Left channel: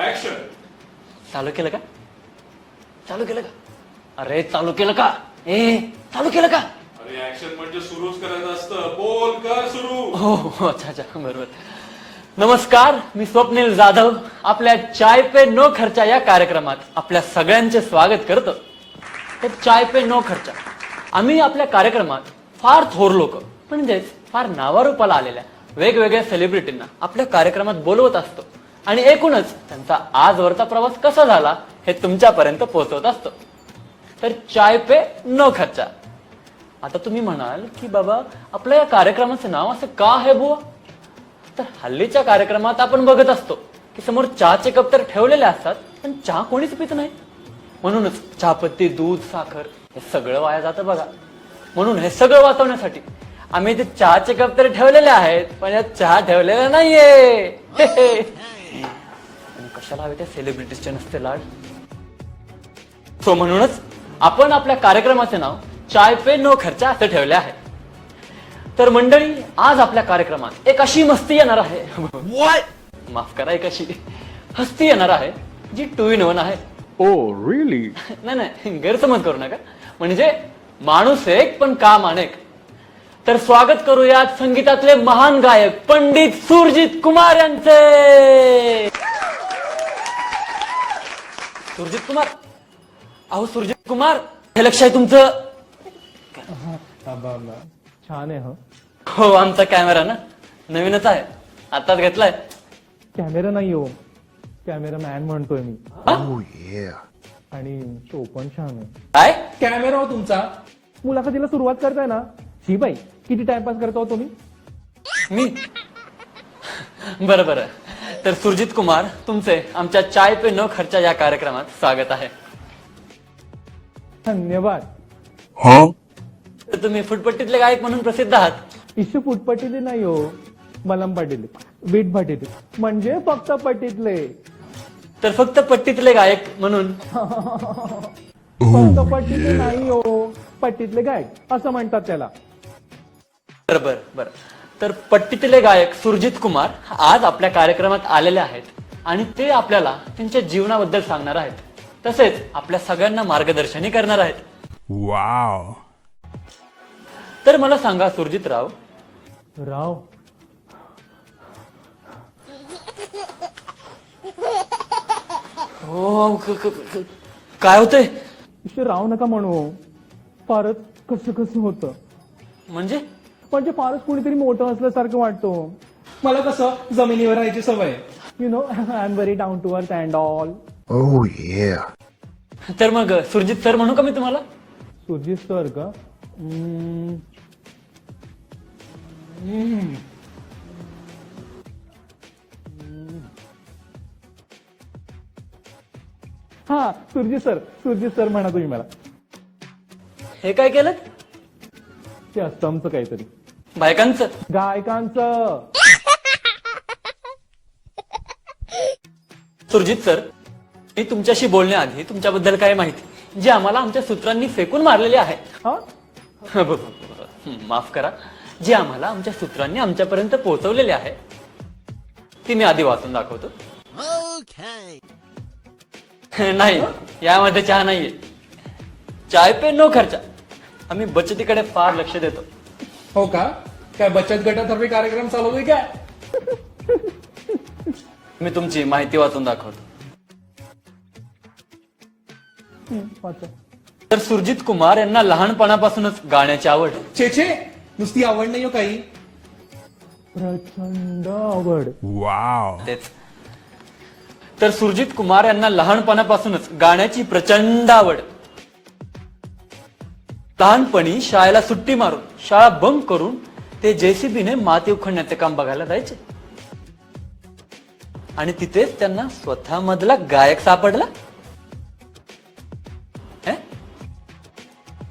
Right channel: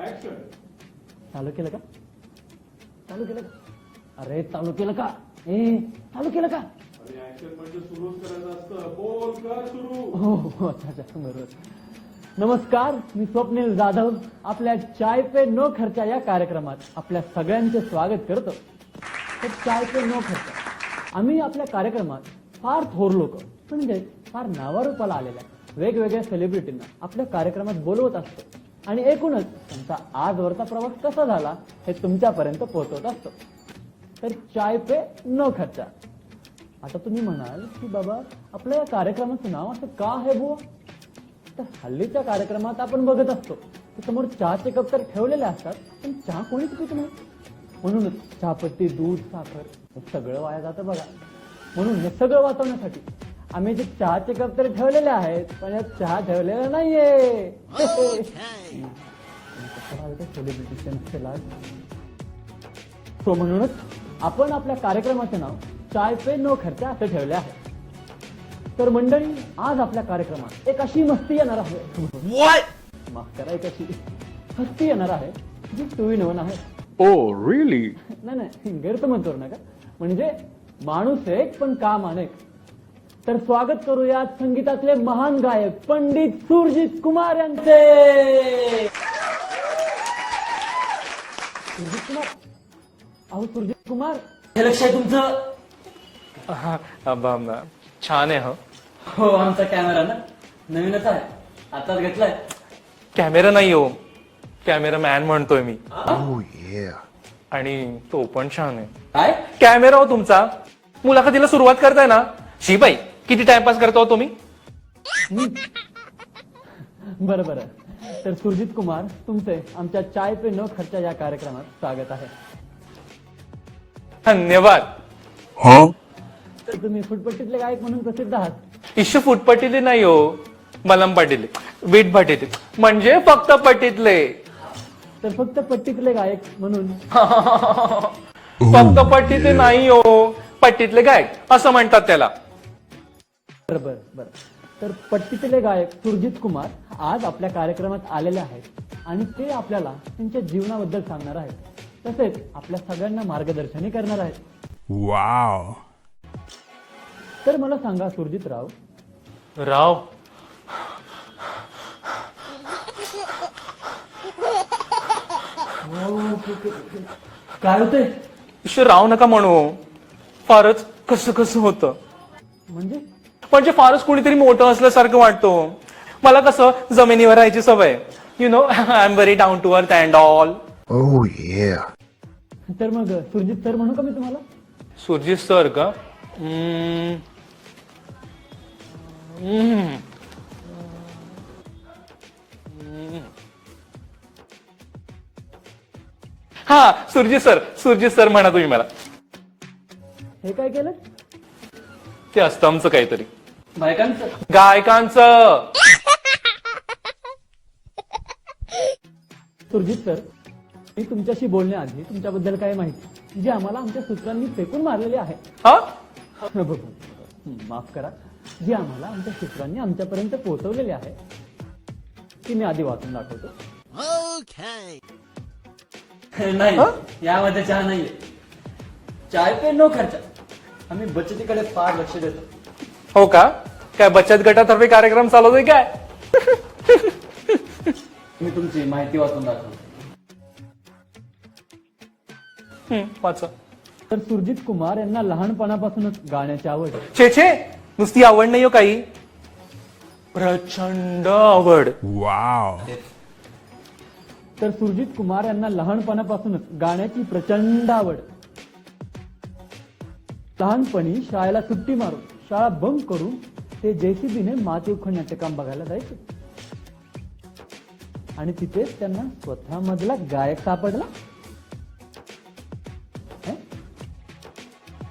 Action. चालू केलं का? चालू केलं का? अरे चालू केलं का? चालू केलं का? अरे ऍक्शन म्हणजे सुरूच करायचं असतं. बोल कर सुरू. हो अच्छा अच्छा बरोबर. नमस्कार, मी स्वप्नील जाधव आपल्या चाय पे नो खर्चा या कार्यक्रमात आपल्या सगळ्यांचे स्वागत करतो. तर चाय पे नो खर्चा आम्ही आपल्या कार्यक्रमात फार थोर लोक म्हणजेच फार नावारूपाला आलेल्या वेगवेगळ्या सेलिब्रिटींना आपल्या कार्यक्रमात बोलवत असतो आणि एकूणच त्यांचा आजवरचा प्रवास कसा झाला हे तुमच्यापर्यंत पोहोचवत असतो. तर चाय पे नो खर्चा. आता तुम्ही म्हणाल की बाबा आपल्या या कार्यक्रमाचं नाव असं का आहे बुवा? तर हल्लीच्या कार्यक्रमात आपण बघत असतो की समोर चहाचे कप तर ठेवलेले असतात पण चहा कोणीच पित नाही. म्हणूनच चहापत्ती, दूध, साखर हे सगळं वाया जातं बघा. म्हणून हे सगळं वाचवण्यासाठी आम्ही ते चहाचे कप तर ठेवलेले आहेत पण यात चहा ठेवलेला नाहीये. कशाला हवे त्या सेलिब्रिटीजचे नसते लाड. सो म्हणूनच आपण आपल्या कार्यक्रमाचे नाव चाय पे नो खर्चा असं ठेवले आहे. तर मंडळी, आज आपल्या कार्यक्रमात एक अशी मस्ती येणार आहे. माफ करा, एक अशी हस्ती येणार आहे जी 2 in 1 आहे. Oh really? नाही गैरसमज करू नका. म्हणजे माणूस एक पण काम अनेक. तर स्वागत करूयात संगीतातले महान गायक पंडित सुरजित कुमार यांचे. सुरजित कुमार, अहो सुरजित कुमार, हे लक्ष आहे तुमचं? छान आहे. हो, आमचा कॅमेरा ना नवीनच आहे, आताच घेतलाय. कॅमेरा नाही हो, कॅमेरामॅन म्हणतोय मी. आणि तो पण छान आहे. काय कॅमेरा हो तुमचा. मुलाखतीला सुरुवात करताय ना, शिबाई किती टाइमपास करता हो तुम्ही? मी? बरं बरं. तर सुरजित कुमार, तुमचे आमच्या चाय पे नो खर्चा या कार्यक्रमात स्वागत आहे. धन्यवाद. तर तुम्ही फुटपट्टीतले गायक म्हणून प्रसिद्ध आहात. इश्यू फुटपट्टीले नाही हो, मलम पाटील, वीट पाटील, म्हणजे फक्त पट्टीतले. तर फक्त पट्टीतले गायक म्हणून फक्त पट्टीतले नाही हो, पट्टीतले गायक असं म्हणतात त्याला. बरं बरं बरं. तर पट्टीतले गायक सुरजित कुमार आज आपल्या कार्यक्रमात आलेले आहेत आणि ते आपल्याला त्यांच्या जीवनाबद्दल सांगणार आहेत. तसेच आपल्या सगळ्यांना मार्गदर्शनही करणार आहेत. वाव. तर मला सांगा सुरजित राव, काय होतंय? इश्यू राव नका म्हणू, फारच कसं कसं होतं. म्हणजे फारच कुणीतरी मोठं असल्यासारखं वाटतं. मला कसं जमिनीवर राहायची सवय. You know, I am very down to earth and all. तर मग सुरजित सर म्हणू का मी तुम्हाला? सुरजित सर का? हा, सुरजित सर म्हणा तुम्ही मला. हे काय केलं? ते असतं आमचं काहीतरी बायकांचं गायकांचं. सुरजित सर, मी तुमच्याशी बोलण्याआधी तुमच्याबद्दल काय माहिती जी आम्हाला आमच्या सूत्रांनी फेकून मारलेली आहे. माफ करा, जी आम्हाला आमच्या सूत्रांनी आमच्यापर्यंत पोहोचवलेली आहे ती मी आधी वाचून दाखवतो. नाही, यामध्ये चहा नाहीये. चाय पे नो खर्चा. आम्ही बचतीकडे फार लक्ष देतो. हो का? काय बचत गटातर्फे कार्यक्रम चालवतोय काय? मी तुमची माहिती वाचून दाखवतो. वाचा. तर सुरजित कुमार यांना लहानपणापासूनच गाण्याची आवड. छे, नुसती आवड नाही हो काही, प्रचंड आवड. वाव. तेच. तर सुरजित कुमार यांना लहानपणापासूनच गाण्याची प्रचंड आवड. लहानपणी शाळेला सुट्टी मारून, शाळा बंक करून ते जेसीबीने माती उखडण्याचे काम बघायला जायचे. आणि तिथेच त्यांना स्वतः मधला गायक सापडला.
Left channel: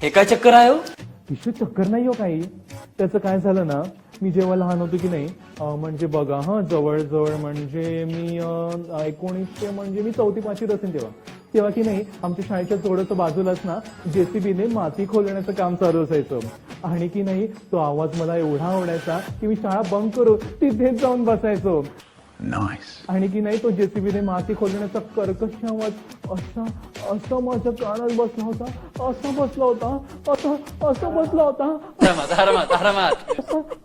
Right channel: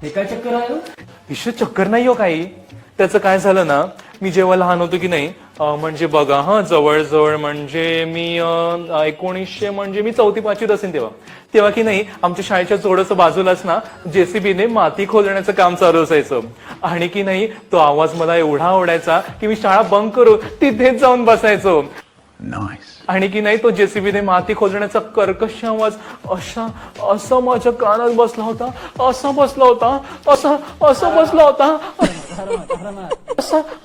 हे काय चक्कर आहे हो? विश्व चक्कर नाही हो काही. त्याचं काय झालं ना, मी जेव्हा लहान होतो की नाही, म्हणजे बघा जवळजवळ म्हणजे मी 1900 म्हणजे मी 4th-5वीत असेल तेव्हा की नाही, आमच्या शाळेच्या थोडंसं बाजूलाच ना जेसीबीने माती खोदण्याचं काम चालू असायचं. आणि की नाही, तो आवाज मला एवढा आवडायचा की मी शाळा बंक करू तिथेच जाऊन बसायचो. आणि की नाही तो जेसीबीने माती खोदण्याचा कर्कश आवाज असा माझ्या कानात बसला होता, असा बसला होता, असा बसला होता.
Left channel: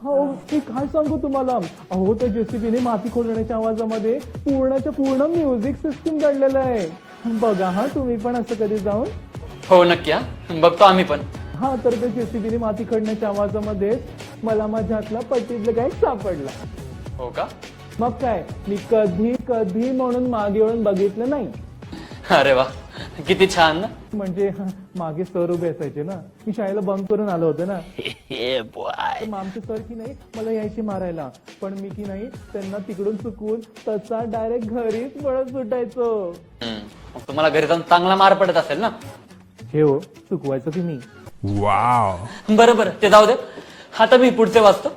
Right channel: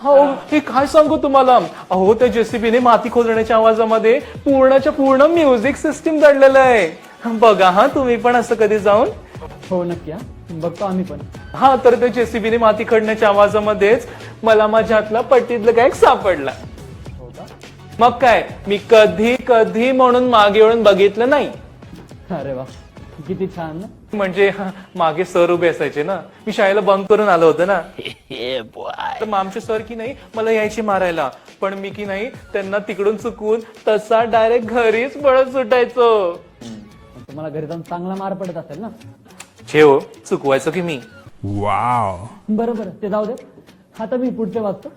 हो, हे काय सांगू तुम्हाला. अहो त्या जेसीबीने माती खोदण्याच्या आवाजामध्ये पूर्णच्या पूर्ण म्युझिक सिस्टीम दडलेलं आहे. बघा हा तुम्ही पण असं कधी जाऊन. हो नक्की, हा बघतो आम्ही पण. हा तर त्या जेसीबीने माती खडण्याच्या आवाजामध्येच मला माझ्या हातला पट्टीतलं काय सापडला. हो का? मग काय, मी कधी म्हणून मागे वळून बघितलं नाही. अरे वा, किती छान ना. म्हणजे मागे सर उभे असायचे ना, मी शाळेला बंक करून आलो होतो ना, तर मग आमचे सर की नाही मला यायचे मारायला, पण मी की नाही त्यांना तिकडून चुकवून तसा डायरेक्ट घरीच पळत सुटायचो. मग तुम्हाला घरी जाऊन चांगला मार पडत असेल ना. हो, चुकवायचो की मी. बरं ते जाऊ दे. आता मी पुढचे वाचतो.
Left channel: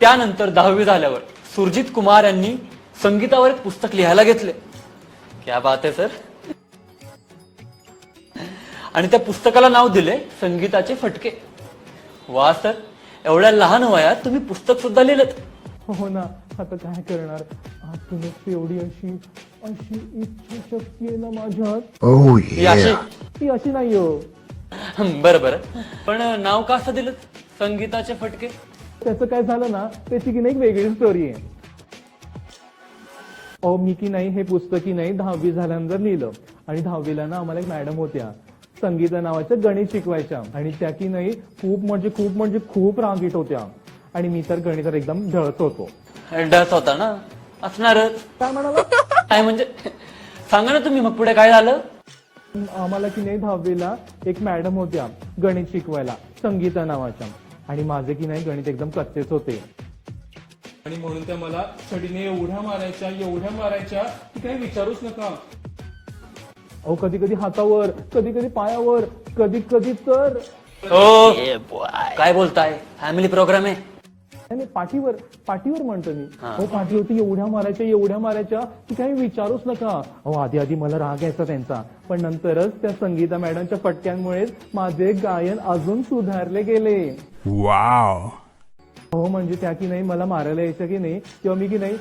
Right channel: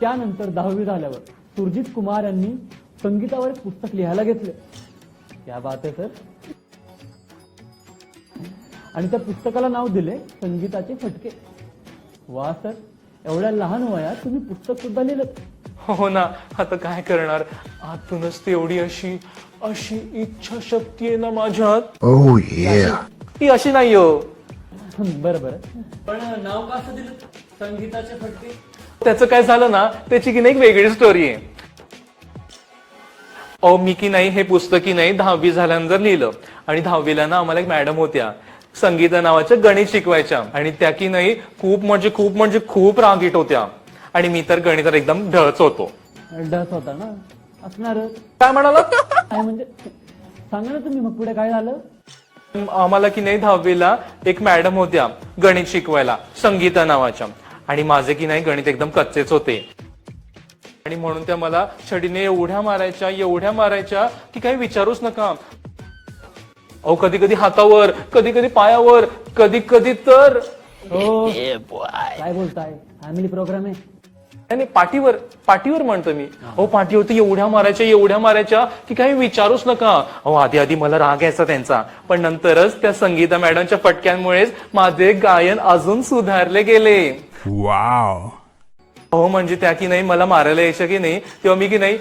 त्यानंतर 10वी झाल्यावर सुरजित कुमार यांनी संगीतावर एक पुस्तक लिहायला घेतले. क्या बात आहे सर. आणि त्या पुस्तकाला नाव दिले संगीताचे फटके. वा सर, एवढ्या लहान वयात तुम्ही पुस्तक सुद्धा लिहिलं. हो ना, आता काय करणार, आतूनच ती एवढी अशी इच्छाशक्ती आहे ना माझ्यात. ती अशी नाही हो. बरं पण नाव का असं दिलं संगीताचे फटके? त्याचं काय झालं ना, त्याची की नाही एक वेगळी स्टोरी आहे. मी की नाही हे पुस्तक की नाही 10वी झाल्यानंतर लिहिलं. आणि 10वीला ना आम्हाला एक मॅडम होत्या, संगीता नावाच्या, गणित शिकवायच्या. आणि त्या की नाही खूप रागीट होत्या. आणि मी तर गणितात एकदम ढळच होतो. डस होता ना, असणार. काय म्हणाला? काय म्हणजे सांगा ना तुम्ही. मग पुढे काय झालं? आम्हाला की नाही 10वीला एक मॅडम होत्या गणित शिकवायला, संगीता नावाच्या. आणि माझे की नाही गणित एकदम कच्चेच होते. आणि म्हणून त्या मला छडीने एवढ्या मारायच्या की काही विचारूच नका. अहो कधी हातावर, कधी पायावर, कधी तर. काय बोलताय? फॅमिली प्रोग्राम आहे. नाही, पाठीवर म्हणतो मी. हो, पाठीवरती एवढ्या मारायच्या की काही विचारूच नका. अहो आधी मला राग यायचा त्यांचा, पण नंतरच त्या संगीता मॅडमच्या फटक्यांमुळेच माझे गायन अजून सुधारले गेले. हो, म्हणजे त्या की नाही मला मारायला यायच्या की नाही, तेव्हा मी की नाही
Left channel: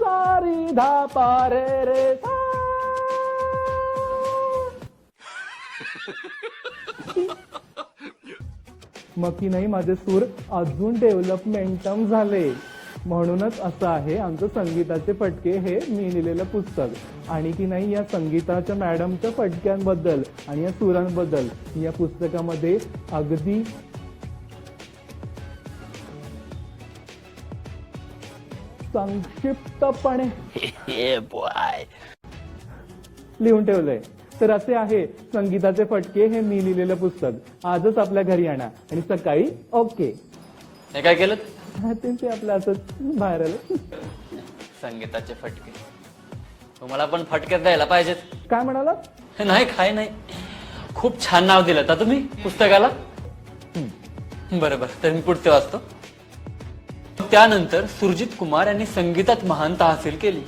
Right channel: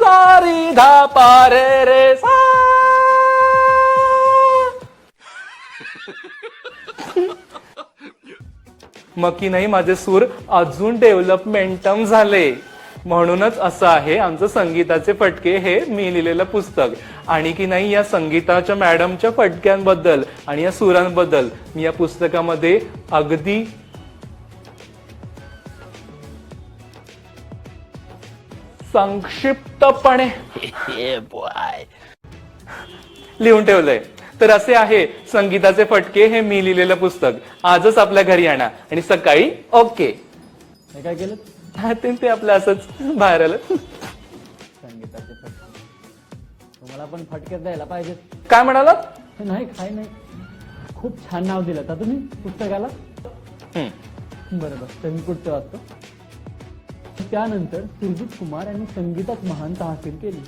सारी धा पारे रे सा. मग की नाही माझे सूर अजून डेव्हलपमेंटम झाले. म्हणूनच असं आहे आमचं संगीताचे फटके हे मी लिहिलेलं पुस्तक. आणि की नाही या संगीताच्या मॅडमच्या फटक्यांबद्दल आणि या सुरांबद्दल मी या पुस्तकामध्ये अगदी संक्षिप्तपणे लिहून ठेवलंय. तर असे आहे संगीताचे फटके हे मी लिहिलेलं पुस्तक. आजच आपल्या घरी आणा आणि सकाळी ओके. हे काय केलं? ते आपलं असंच बाहेर आलं. संगीताचे फटके. तुम्हाला पण फटके द्यायला पाहिजेत. काय म्हणाला? नाही, काय नाही. खूप छान नाव दिलं का तुम्ही पुस्तकाला. बरोबर, तर मी पुढचे वाचतो. त्यानंतर सुरजित कुमार यांनी संगीतात महानता हासिल केली.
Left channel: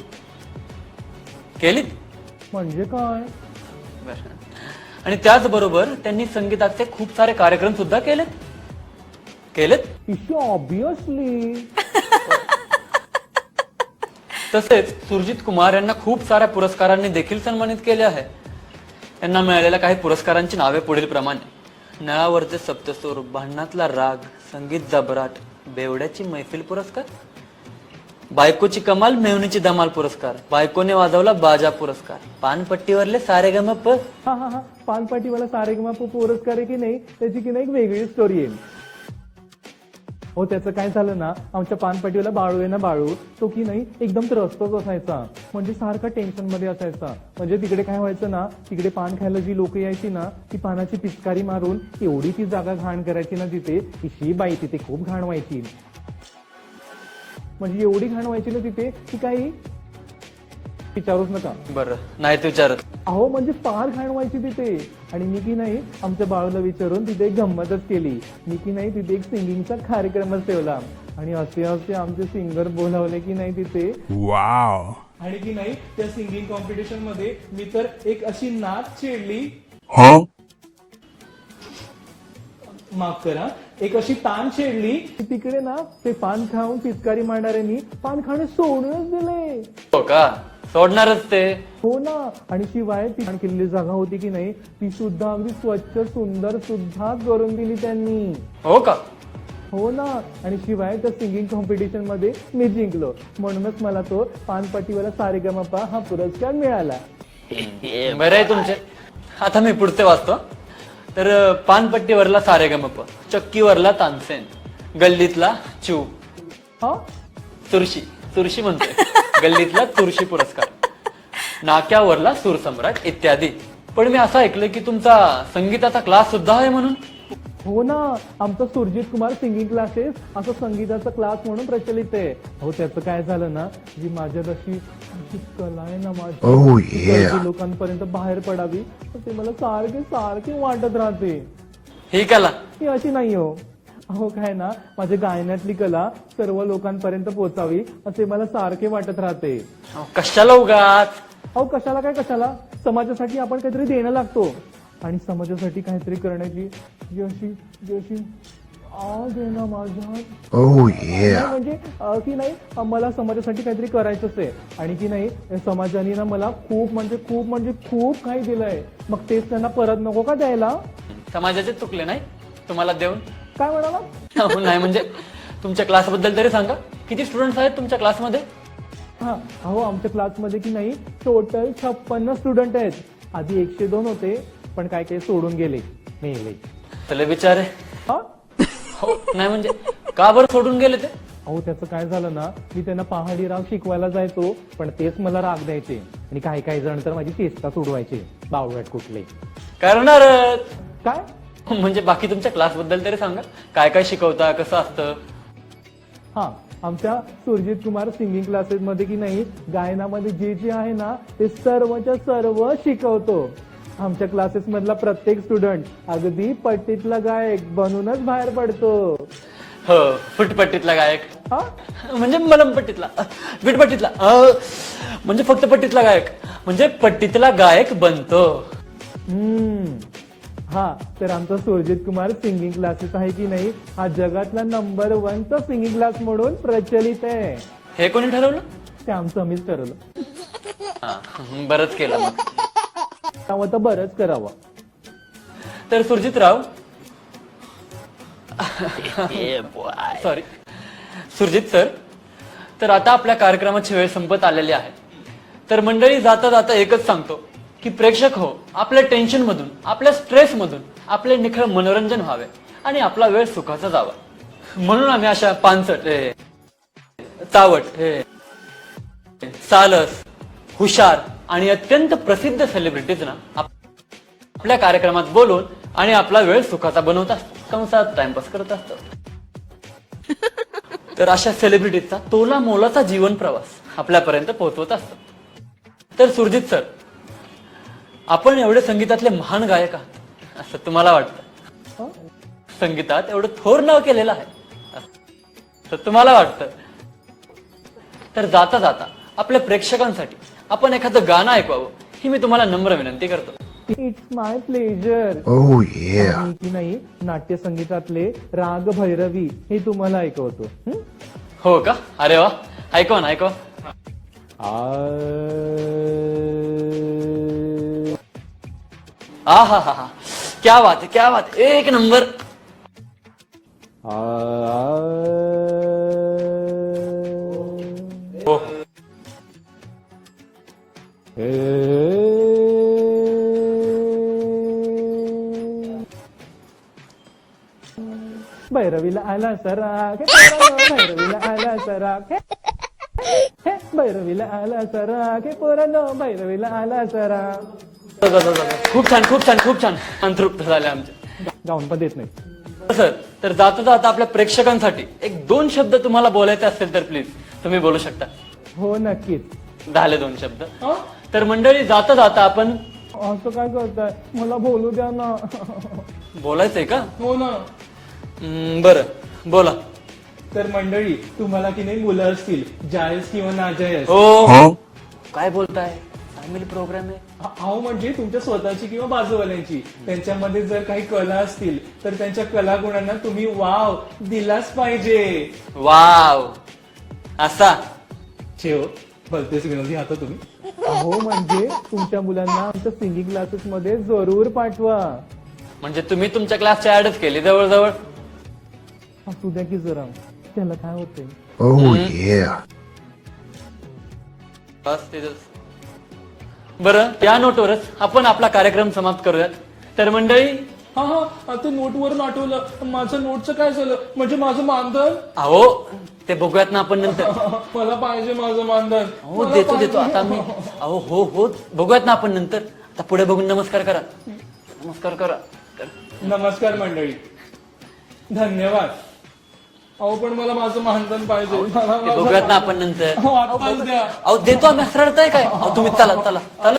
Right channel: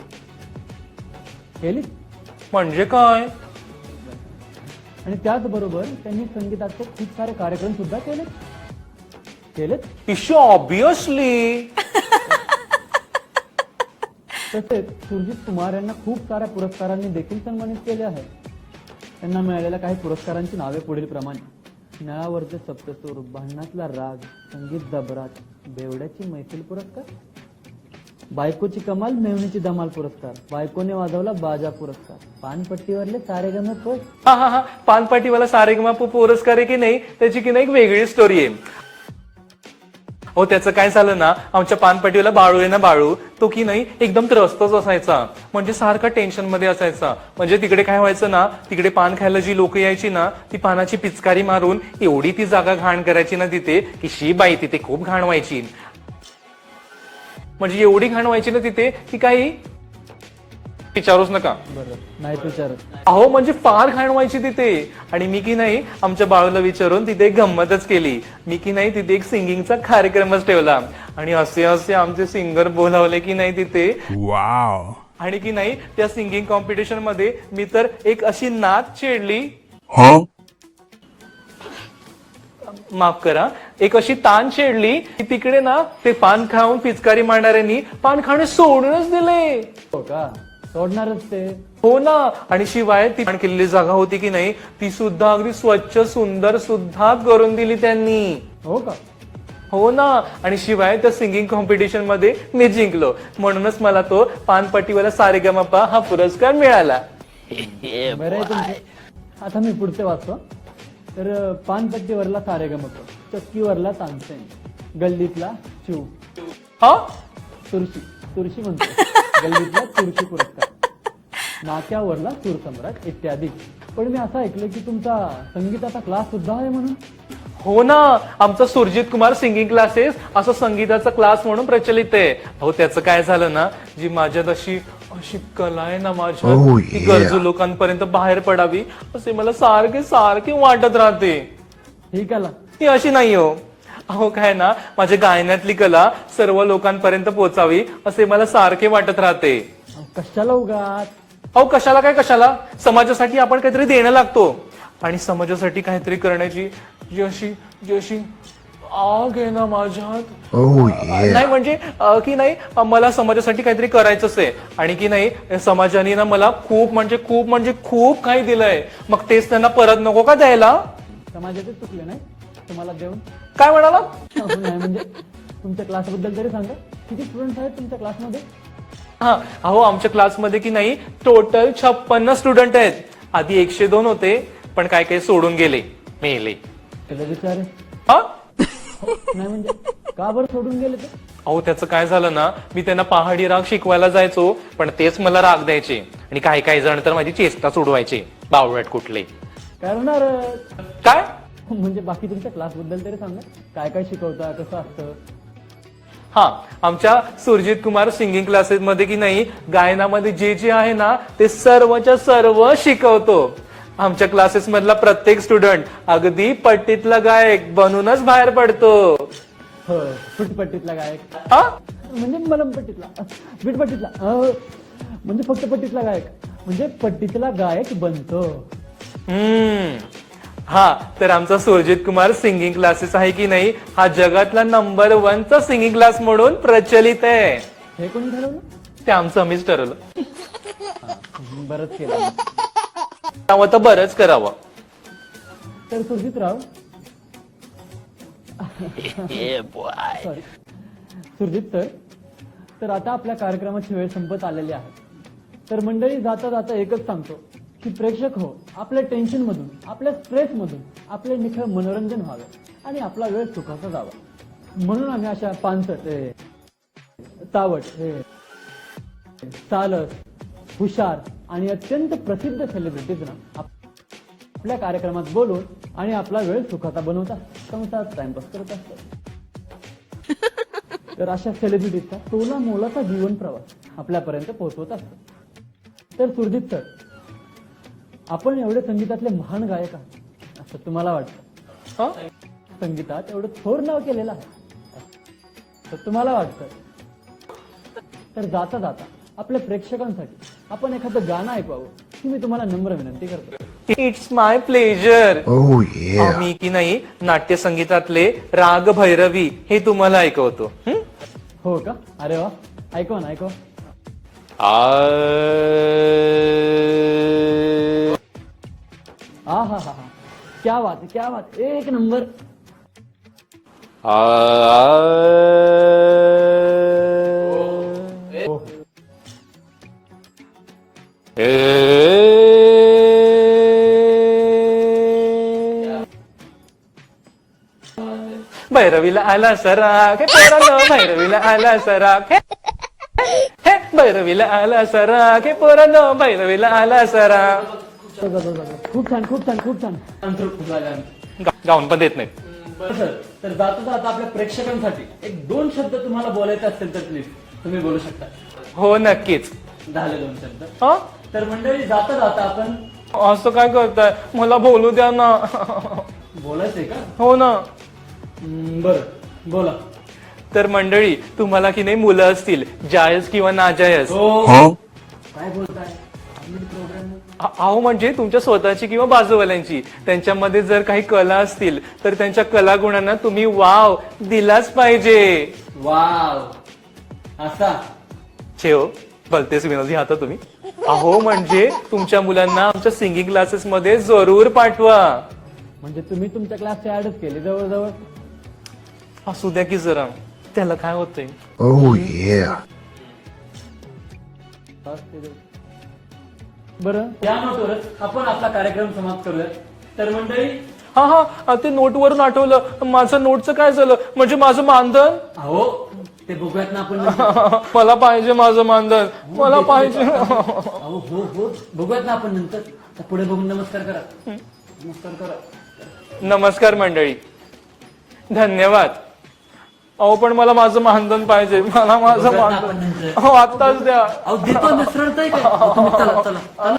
म्हणजे काय? आणि त्याचबरोबर त्यांनी संगीताचे खूप सारे कार्यक्रम सुद्धा केलेत. Issue obviously. तसेच सुरजित कुमार यांना खूप साऱ्या पुरस्कारांनी देखील सन्मानित केले आहे. यांना मिळालेल्या काही पुरस्कारांची नावे पुढील प्रमाणे: नळावरचे सप्तसूर, भांडणातला राग, संगीत जबराट, बेवड्याची मैफिल पुरस्कार, बायकोची कमाल, मेवणीची धमाल पुरस्कार, बायकोने वाजवला बाजा पुरस्कार, पानपट्टीवरले सारेगमप. हा पानपट्टीवाला सारेगमप पुरस्कार आहे की नाही, त्याची की नाही एक वेगळी स्टोरी आहे. हो, त्याचं काय झालं ना, आमच्या पानपट्टीवाला बाळू आहे ना, बाळू तो की नाही एकदम त्रस्तच असायचा. म्हणजे सारखा टेन्शन मध्ये असायचा. म्हणजे तिकडे काय व्हायचं ना, तिकडे पान खायला जी लोक यायची ना, ती पानाची पिचकारी मारून एवढी ती जागा घाण करायची ना तिथे, की शी बाई तिथे खूप घाण व्हायची. म्हणजे एवढी घाण व्हायची ना तिथे की काही विचारूच नका. बरं, नाही ते विचारत. अहो म्हणजे फार घाण व्हायची तिथे. आणि मी की नाही आमच्या बाळूला विचारून तिथे एक गंमतच केली. मी की नाही तिथे एक सिंगिंगचा कार्यक्रमच ठेवला. आणि असे आमचे सिंगर बोलावले की नाही तिथे. आणि की नाही त्या सिंगिंग कॉम्पिटिशन मध्ये मी तर एक अशी नाच छेडली. माफ करा, एक अशी ताण छेडली की तिकडे ना ते पान खाऊन पिचकारी मारणाऱ्यांनी पान खाणे सोडूनच दिले. हो का, सोडणारच ते. हो ना, आणि शिवाय ती पान केलेली जागा होती की नाही, ती सुद्धा अगदी स्वच्छ सुंदर सुद्धा करून दिली त्यांनी. हो का. हो ना, आणि शिवाय त्या सिंगिंग कॉम्पिटिशन मध्ये मी जिंकलो, म्हणूनच मला तो पानपट्टीवाला सारेगमपा हा पुरस्कार मिळाला. बरं आहे तुमचे. आता मी पुढचे वाचतो. तर पानपट्टीवरला सारेगमप, चक्कीवरला तानसेन, गल्लीतला चू, हा तुळशी तुळशी म्हणतोय, गल्लीतला तुळशी पुरस्कार, नाक्यावरला सूरसम्राट इत्यादी. पण मी असं ऐकलं की तुमचा संगीताचा क्लास सुद्धा आहे म्हणून. हो ना, आमचा सुरजित कुमार सिंगिंग क्लासेस असं संगीताचा क्लास म्हणून प्रचलित आहे. अहो त्याचं काय झालं ना, जी माझ्यात अशी अशी कला आहे ना माझ्या, ती गरजू लोकांपर्यंत बाहेर पडावी असे मला सारखे सारखे वाटत राहते. ही कला ही अशी नाही हो. अहो काय ना, माझ्या गायनातली कला सर्व लोकांपर्यंत पोहोचावी असे मला सारखे वाटत राहते. कशाला उगाच. अहो कशाला काय कशाला, समाजासाठी आपण काहीतरी देणं लागतो, आणि समाजासाठी काहीतरी करण्याची जी अशी आग आहे ना माझ्यात. नाही म्हणजे की नाही, मला समाजासाठी काहीतरी करायचंच आहे, आणि की नाही समाजाने ना मला खूप म्हणजे खूप काही दिलंय, मग तेच त्यांना परत नको का द्यायला. समाजाचे चुकले नाही तुम्हाला देऊन. काय म्हणाला. नाही म्हणजे तुमच्या क्लासबद्दल तरी सांगा, किती स्टुडंट्स आहेत तुमच्या क्लासमध्ये. हा, अहो आमच्या क्लासमध्ये की नाही टोटल 56 स्टुडंट आहेत. आधी 102 होते, पण काय काय सोडून गेले, मेले. चले बिचारे. हा, हो, नाही म्हणजे का बरं सोडून गेले ते. अहो त्याचं काय झालं ना, मी त्यांना पहाडी राग शिकवायला जायचो, पण तेच मला राग द्यायचे, आणि काही जण तर माझी चेष्टा सोडवायचे, बावळट कुठले. करणार काय म्हणजे बाकी तुमच्या क्लासबद्दल तरी सांगा, काय काय शिकवता, कसं असतं. हा, आमच्या सुरजित कुमार सिंगिंग क्लासेस मध्ये की नाही गायनामध्ये जे जे आहे ना ते सर्वच्या सर्व शिकवतो. आमच्या क्लासेस मधला प्रत्येक स्टुडंट अगदी पट्टीतला गायक बनूनच बाहेर पडतो. हो, फुटपट्टीतला गायक. हा, म्हणजे मलमपट्टीतला, विटपट्टीतला, म्हणजे फक्त पट्टीतला गायक, म्हणजे पट्टीतला गायक बनतो. हा, तर आमचा सुरजित कुमार सिंगिंग क्लासेस आहे की नाही, हा जगातला नंबर 1 चा सिंगिंग क्लास म्हणून प्रचलित आहे. हे कोणी ठरवलं. ते आमचं आम्हीच ठरवलं. बरंच केलं मग. त्यामुळे तर बरंच करावं. तर सुरजितराव, सॉरी सुरजित सर, तर आता आपल्या कार्यक्रमाची वेळ संपत आलेली आहे. तर मंडळी, जाता जाता एकच सांगतो की प्रेक्षक हो, आपल्या टेन्शन मधून, आपल्या स्ट्रेस मधून आपले निखळ मनोरंजन व्हावे आणि आपला वेळ सुखाचा जावा, म्हणून आम्ही अशा पानसट, चावट, सालस, हुशार आणि अत्यंत प्रसिद्ध सेलिब्रिटीजना आपल्या कार्यक्रमात बोलवून आणि आपला वेळ सुखाचा बनवत असतो, कंसात टाइमपास करत असतो. तर अशा सेलिब्रिटीचा तोला मोलाचा जीवन प्रवास आपल्यापर्यंत पोहोचवत असतो. तर सुरजित सर, आपण एवढे संगीतातले महान गायक आहात असं तुम्हाला वाटतं. संगीतात एवढं थोर नाव केलेलं आहे असं तुम्हाला वाटतं. तर जाता जाता आपल्या प्रेक्षकांसाठी आपण एखादं गाणं ऐकवावं ही मी तुम्हाला नम्र विनंती करतो. It's my pleasure. मी की नाही नाट्य संगीतातले राग भैरवी हे तुम्हाला ऐकवतो. हो का, अरे वा, ऐकवा ना, ऐकवा. हा हा हा हा, क्या बात है, क्या बात है, एक नंबर. भैरवीला आला सराग, भैरवीला आला सराग, भैरवीला आला सराग, पोरांनो भैरवीला आला सराग. खूप छान, खूप छान, खूप छान. संतृप्त झाले आमचे. गाऊन पण देत नाही. सर, तर जाता जाता आपल्या प्रेक्षकांसाठी एक 2 शब्द तुम्हाला बोलायचे असतील तर प्लीज तुम्ही बोलू शकता. हो नक्कीच. झाले 2 शब्द. तर मंडळी, जाता जाता आपण. असं काय करताय, मला बोलू द्या ना. बोलायचंय का. हो ना. बरं, बोला. तर मंडळी, तुम्हाला की नाही मुलं असतील, जायज किंवा नाजायज. हो, काय बोलताय, फॅमिली प्रोग्राम आहे. अहो म्हणजे तुमच्या स्वतःची किंवा बाजूवाल्यांची त्यांच्यामध्ये जर काही कला असतील तर त्यांच्या कलागुणांना तुम्ही वाव दिलाच पाहिजे. वाव असा छेव भलतेच विनोदी आता तुम्ही. अहो म्हणजे तुमच्या मुलांना आमच्या सिंगिंग क्लासेस मध्ये जरूर पाठवा. म्हणजे तुम्ही तुमच्या क्लासच्या ऍडच केली जवळजवळ. असू द्या की जरा, त्याला काय होतंय. Oh yeah. बस तिथंच. बरं या नोटवरच आपण आपला कार्यक्रम समाप्त करूया. तर मंडळी, हा हा ते नोटवरून आठवलं, माझं नोटचं काय झालं, म्हणजे माझं मानधन. अहो ते बघूयात ना आपण नंतर. मला पाहिजे माझं मानधन, हो, मला देतो, पाहिजे. देतो. आता मी- अहो हो हो बघूयात ना आपण नंतर. आता पुढे बघून नमस्कार करा. नमस्कार करा. नमस्कार मंडळी, धन्यवाद. अहो पण मला माझं मानधन पाहिजे, मला माझं बघूयात ना मानधन. आपण नंतर. हो आत्ताच द्या. अहो देतो आम्ही, रडताय काय? अहो, तुम्ही चला चला चला.